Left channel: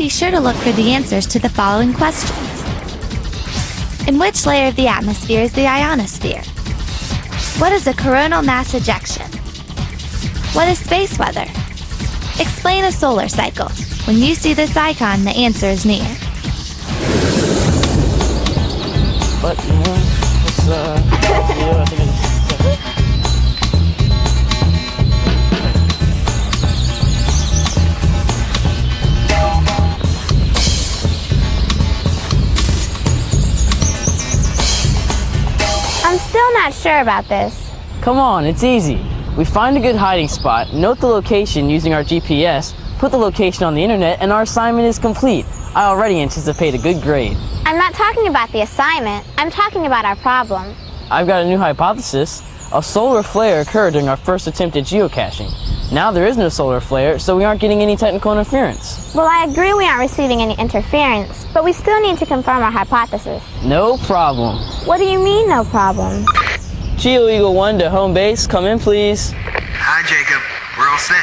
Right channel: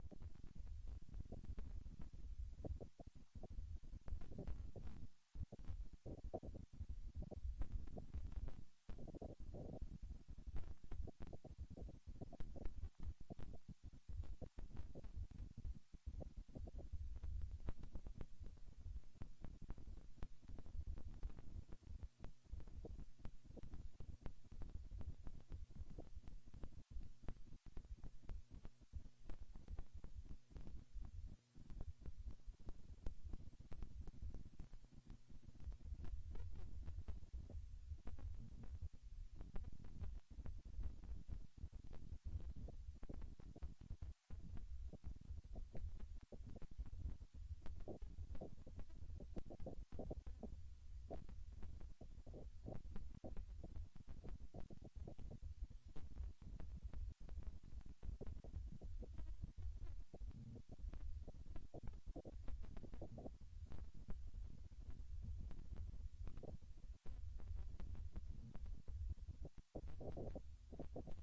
be sure to look for the answers to the following questions. In which layer of the atmosphere is the ionosphere? What is a coronal mass ejection? What is space weather? Explain a solar cycle. When you see this icon, the answer is near. I'm still not sure about this. Come on, it's easy. We find a good hiding spot, note the location using our GPS, put the location on the internet, and our assignment is complete. I already anticipate a good grade. I'm not talking about the assignment. I'm talking about our problem. I've got a new hypothesis. A solar flare occurred during our first attempt at geocaching. Now there is no solar flare, so we aren't getting any technical interference. Well, I agree we aren't receiving any interference, but we still need to confirm our hypothesis. No problem. What do you mean, no problem? Geo Eagle 1 to home base, come in please. Hi, Jacob. We're all set.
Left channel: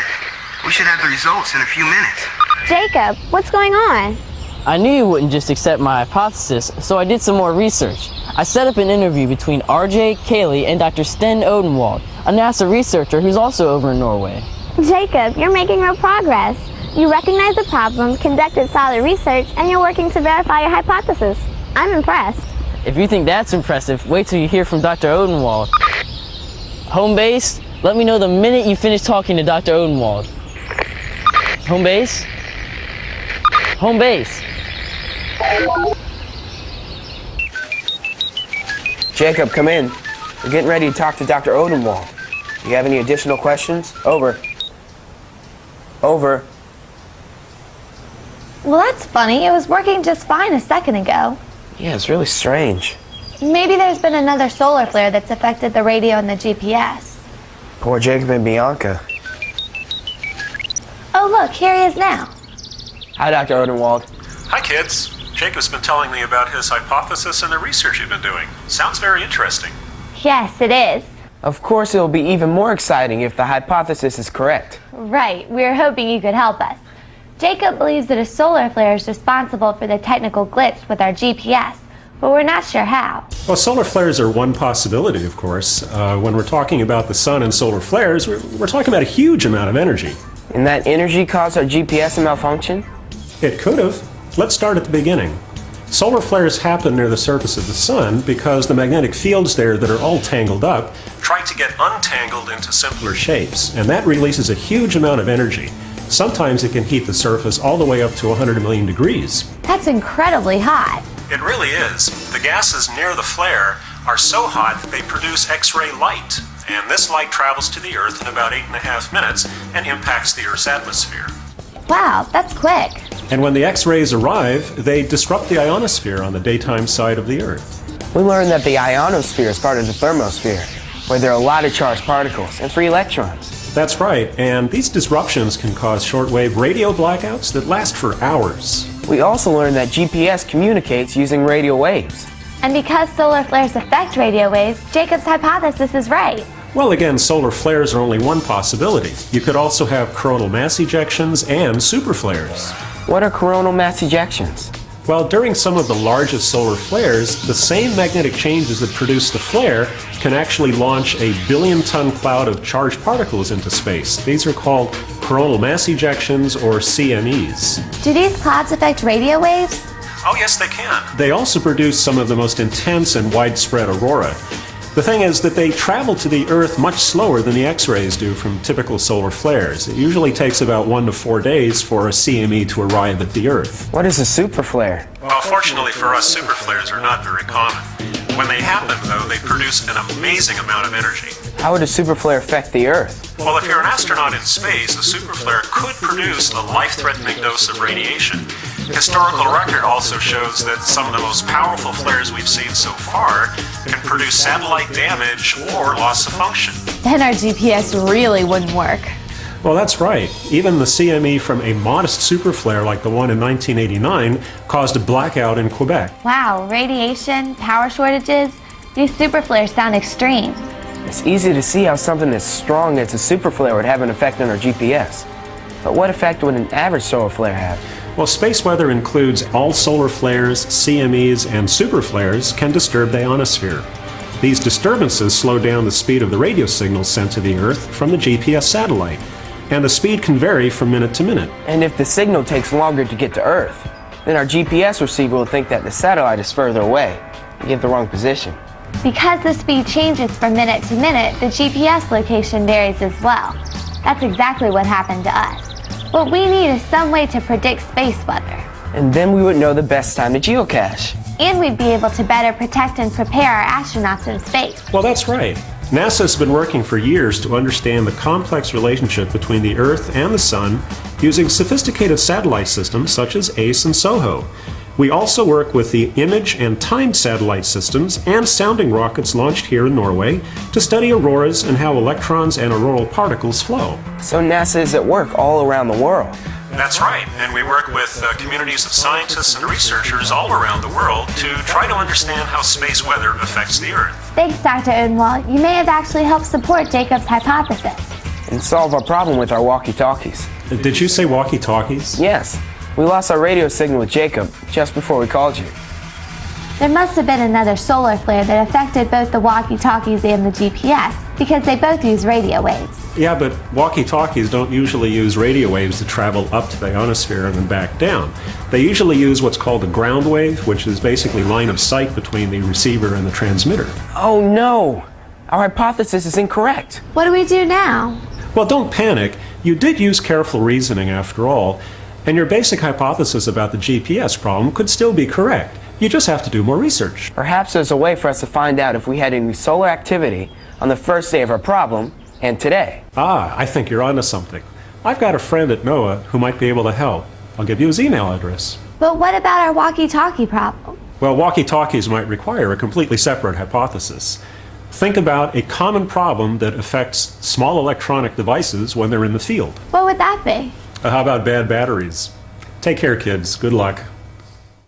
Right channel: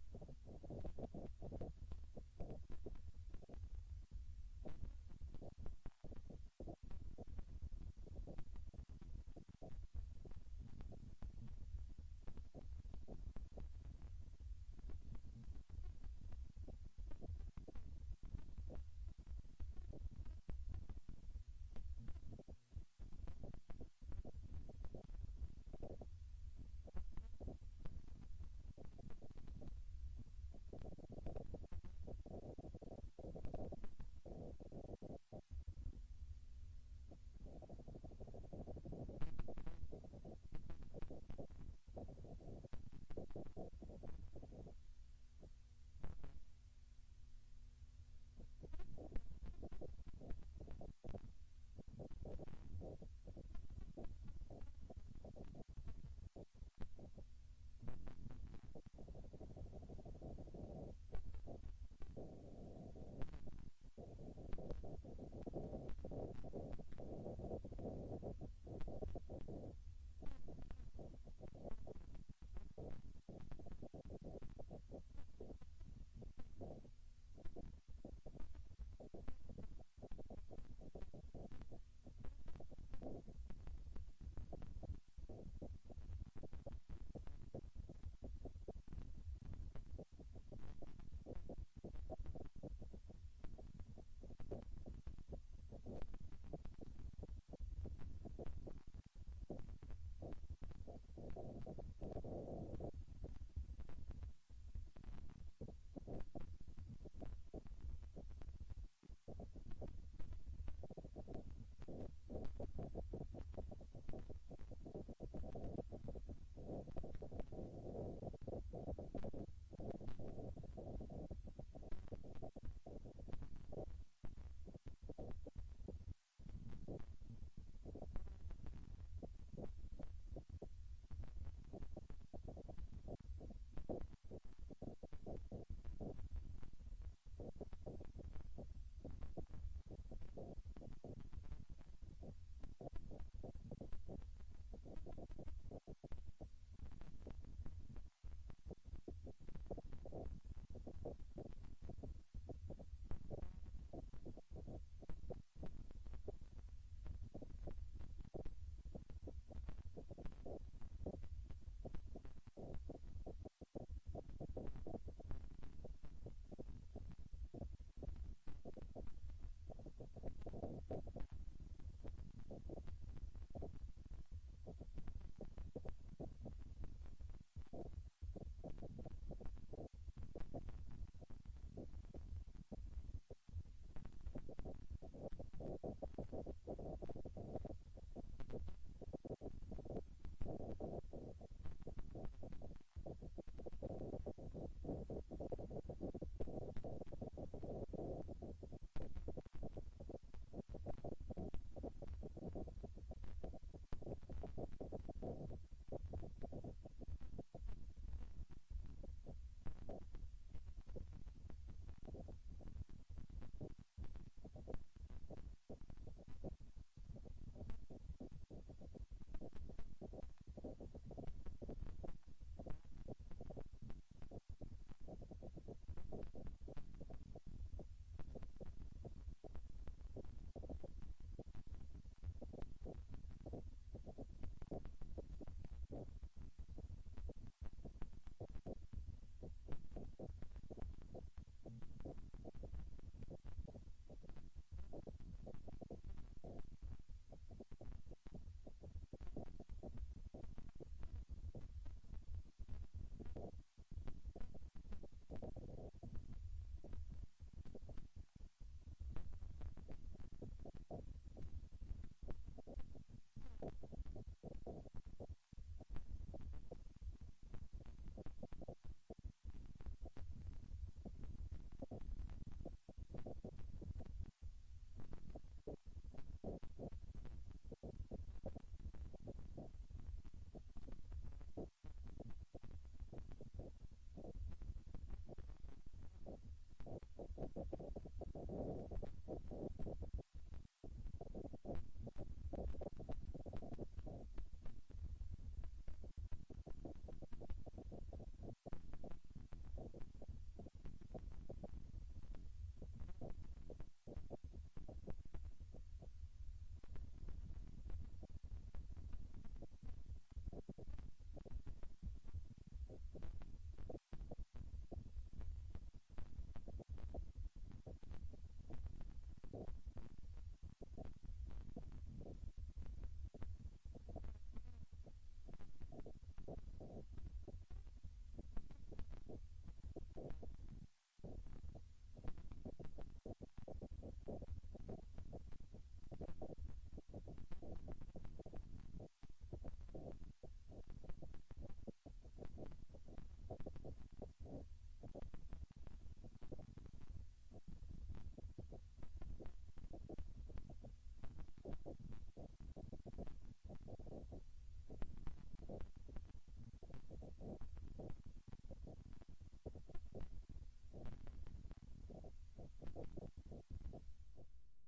We should have the results in a few minutes. Jacob, what's going on? I knew you wouldn't just accept my hypothesis, so I did some more research. I set up an interview between RJ, Kaylee, and Dr. Sten Odenwald, a NASA researcher who's also over in Norway. Jacob, you're making real progress. You recognize the problem, conducted solid research, and you're working to verify your hypothesis. I'm impressed. If you think that's impressive, wait till you hear from Dr. Odenwald. Home base, let me know the minute you finish talking to Dr. Odenwald. Home base? Home base. Jacob, come in. We're getting ready to talk to Dr. Odenwald. Do you have any additional questions? Over. Over. Well, that's funny. It was working just fine a second ago. Yeah, it's really strange. Maybe there's been another solar flare that's affected the radio and the GPS. Poor Jacob and Bianca. Oh, look, here he is now. Hi, Dr. Odenwald. Hi, kids. Jacob's been telling me about his hypothesis and the research you've been doing. Sounds very interesting. Yes, it is. Of course, it'll be even more exciting if the hypothesis is correct. Right. We were hoping you could help us. Jacob believes that a solar flare is responsible for the technical glitch with our GPS, but we're not sure how. Well, solar flares are one possibility, of course. When we're talking about the sun and solar flares, we're talking about a huge amount of energy. And that energy caused our GPS to malfunction? It could have. Let's start at the beginning. Solar flares happen near the surface of the sun because the magnetic fields there that are all tangled up try to get untangled into simpler shapes, and that releases a huge amount of energy. Sometimes it can heat the surface all the way up to 100 million degrees. That's incredibly hot. It really is. The gases near the flare are so hot that they produce X-ray light, and this light travels to the Earth in about 8.5 minutes and impacts the Earth's atmosphere. Wow, that's quick. And when the X-rays arrive, they disrupt the ionosphere on the daytime side of the Earth. We learned that the ionosphere is part of the thermosphere, where there are a lot of charged particles and free electrons. That's right, and these disruptions can cause shortwave radio blackouts that last for hours. We also learned that GPS communicates using radio waves. And because solar flares affect radio waves, Jacob's hypothesis is right. Well, again, solar flares are only one possibility. You could also have coronal mass ejections and superflares. What are coronal mass ejections? Well, during some of the largest solar flares, the same magnetic changes that produce the flare can actually launch a billion-ton cloud of charged particles into space. These are called coronal mass ejections, or CMEs. Do these clouds affect radio waves? Oh, yes, they can. They also produce some of the most intense and widespread aurora. The thing is that they travel to the Earth much slower than the X-rays do from typical solar flares. It usually takes about 1 to 4 days for a CME to arrive at the Earth. What is a superflare? Well, fortunately for us, superflares are not very common. When they happen, though, they produce an amazing amount of energy. How would a superflare affect the Earth? Well, if you're an astronaut in space, a superflare could produce a life-threatening dose of radiation. Historical record also shows that some of the most powerful flares we've seen so far can produce satellite damage or loss of function. Then our GPS really wouldn't work. Well, that's right. Even the CME from a modest superflare like the one in 1989 caused a blackout in Quebec. Wow, radiation, power shortages, these superflares sound extreme. It's easy to see how something as strong as a superflare would have an effect on our GPS. But what effect would an average solar flare have? Well, space weather includes all solar flares, CMEs, and super flares can disturb the ionosphere. These disturbances slow down the speed of the radio signals sent to the Earth from the GPS satellite, and the speed can vary from minute to minute. And if the signal takes longer to get to Earth, then our GPS receiver will think that the satellite is further away and give the wrong position. Because the speed changes from minute to minute, the GPS location varies as well. That's exactly what happened to us. What we need is some way to predict space weather. And then we would know the best time to geocache. And we'd be able to better protect and prepare our astronauts in space. Well, that's right. NASA's been working for years to understand the complex relationship between the Earth and the Sun using sophisticated satellite systems such as ACE and SOHO. We also work with the image and timed satellite systems and sounding rockets launched here in Norway to study auroras and how electrons and auroral particles flow. So NASA is at work all around the world. That's right, and we work with communities of scientists and researchers all around the world to try to understand how space weather affects the Earth. Thanks, Dr. Odenwald. You may have actually helped support Jacob's hypothesis. And solve our problem with our walkie-talkies. Did you say walkie-talkies? Yes. We lost our radio signal with Jacob just before we called you. There must have been another solar flare that affected both the walkie-talkies and the GPS, because they both use radio waves. Yeah, but walkie-talkies don't usually use radio waves to travel up to the ionosphere and then back down. They usually use what's called a ground wave, which is basically line of sight between the receiver and the transmitter. Oh no! Our hypothesis is incorrect. What do we do now? Well, don't panic. You did use careful reasoning after all, and your basic hypothesis about the GPS problem could still be correct. You just have to do more research. Perhaps there's a way for us to find out if we had any solar activity on the first day of our problem and today. Ah, I think you're onto something. I've got a friend at NOAA who might be able to help. I'll give you his email address. But what about our walkie-talkie problem? Well, walkie-talkies might require a completely separate hypothesis. Think about a common problem that affects small electronic devices when they're in the field. What would that be? How about bad batteries? Take care, kids. Good luck.